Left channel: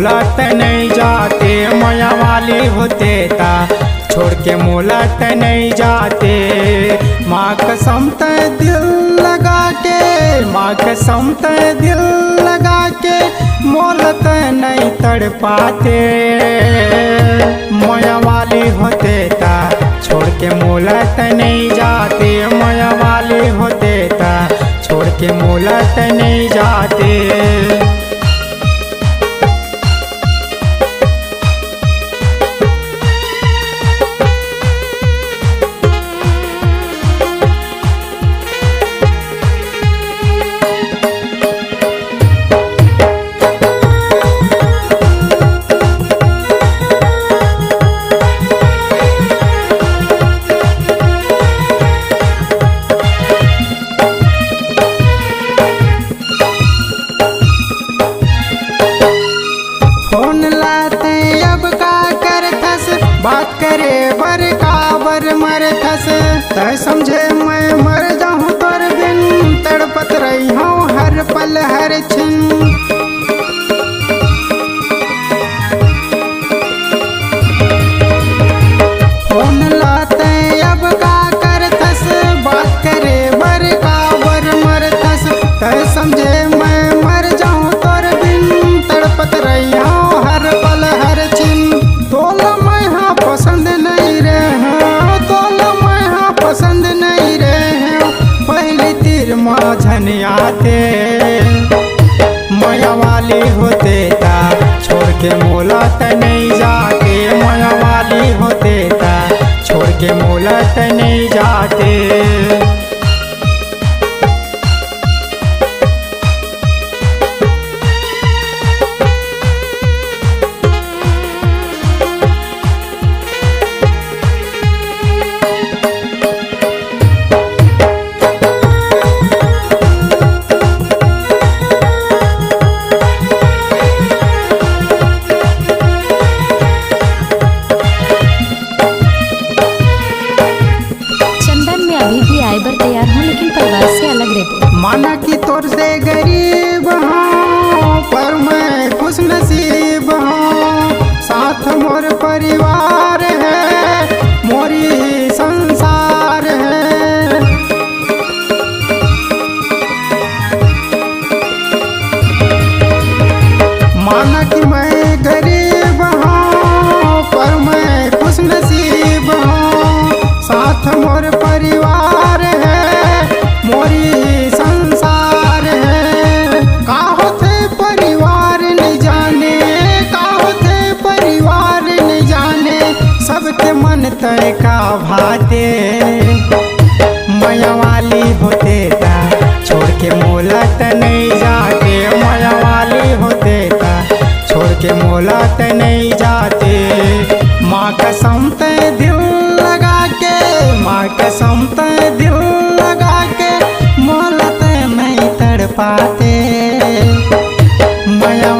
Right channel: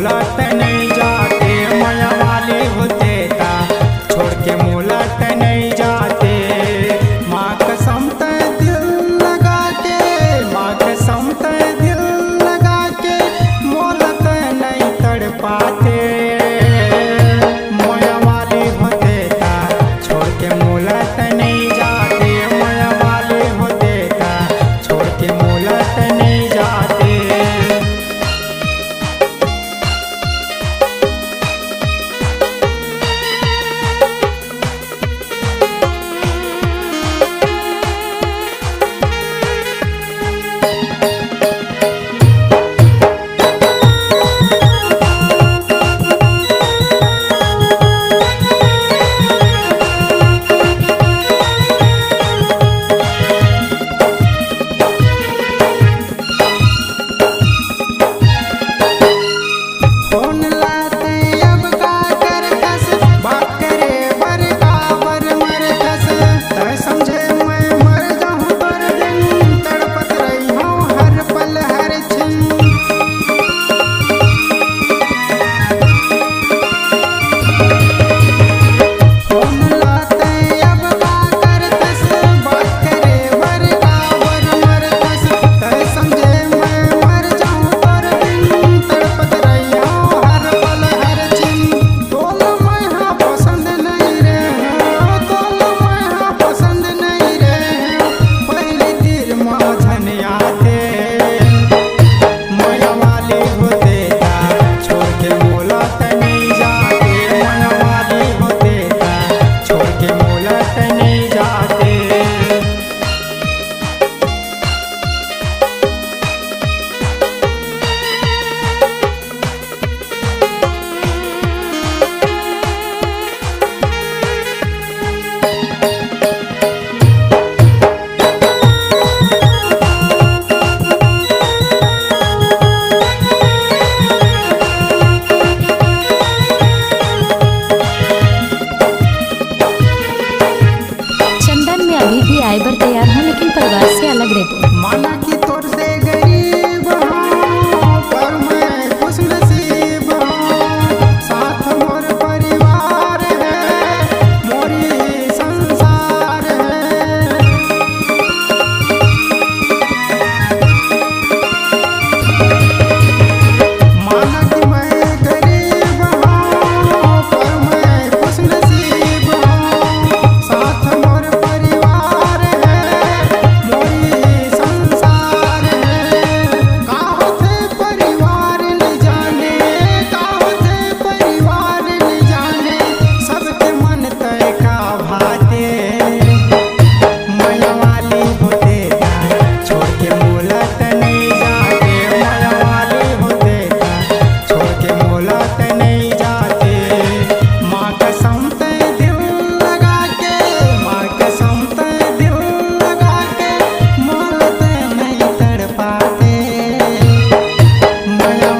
मोलत नहीं जाते, माया वाली होते ता छोड़ के मोलत नहीं जाते। माँ कसम ते दिल लगा के, माँ कसम ते दिल लगा के मोलत नहीं तड़ पाते। माया वाली होते ता छोड़ के मोलत नहीं जाते, माया वाली होते ता छोड़ के मोलत नहीं जाते। फोन लाते अब का कर थस, बात करे बर का बर मर थस। तय समझे मैं मर जाऊँ तोर बिन, तड़पत रही हूँ हर पल हर छिन। फोन लाते अब का कर थस, बात करे बर का बर मर थस। तय समझे मैं मर जाऊँ तोर बिन, तड़पत रही हूँ हर पल हर छिन। तोला मैं हाँ पसंद नहीं रहे, तोला मैं हाँ पसंद नहीं रहे। पहली तीर माझन आते, माया वाली होते ता छोड़ के मोलत नहीं जाते, माया वाली होते ता छोड़ के मोलत नहीं जाते। चंदन में अभी भी आए बर तैयार हूँ, लेकिन परिवार से अलग रहते। माना कि तोर से गरीब हूँ पर मैं खुश नसीब हूँ। साथ मोर परिवार है, मोरी संसार है। माना कि मैं गरीब हूँ पर मैं खुश नसीब हूँ। साथ मोर परिवार है, मोरी संसार है। का होते परिवार न जाने, का होते परिवार न जाने। सबके मन तय का भाते, माया वाली होते ता छोड़ के मोलत नहीं जाते, माया वाली होते ता छोड़ के मोलत नहीं जाते। माँ कसम ते दिल लगा के, माँ कसम ते दिल लगा के मोलत नहीं तड़ पाते। माया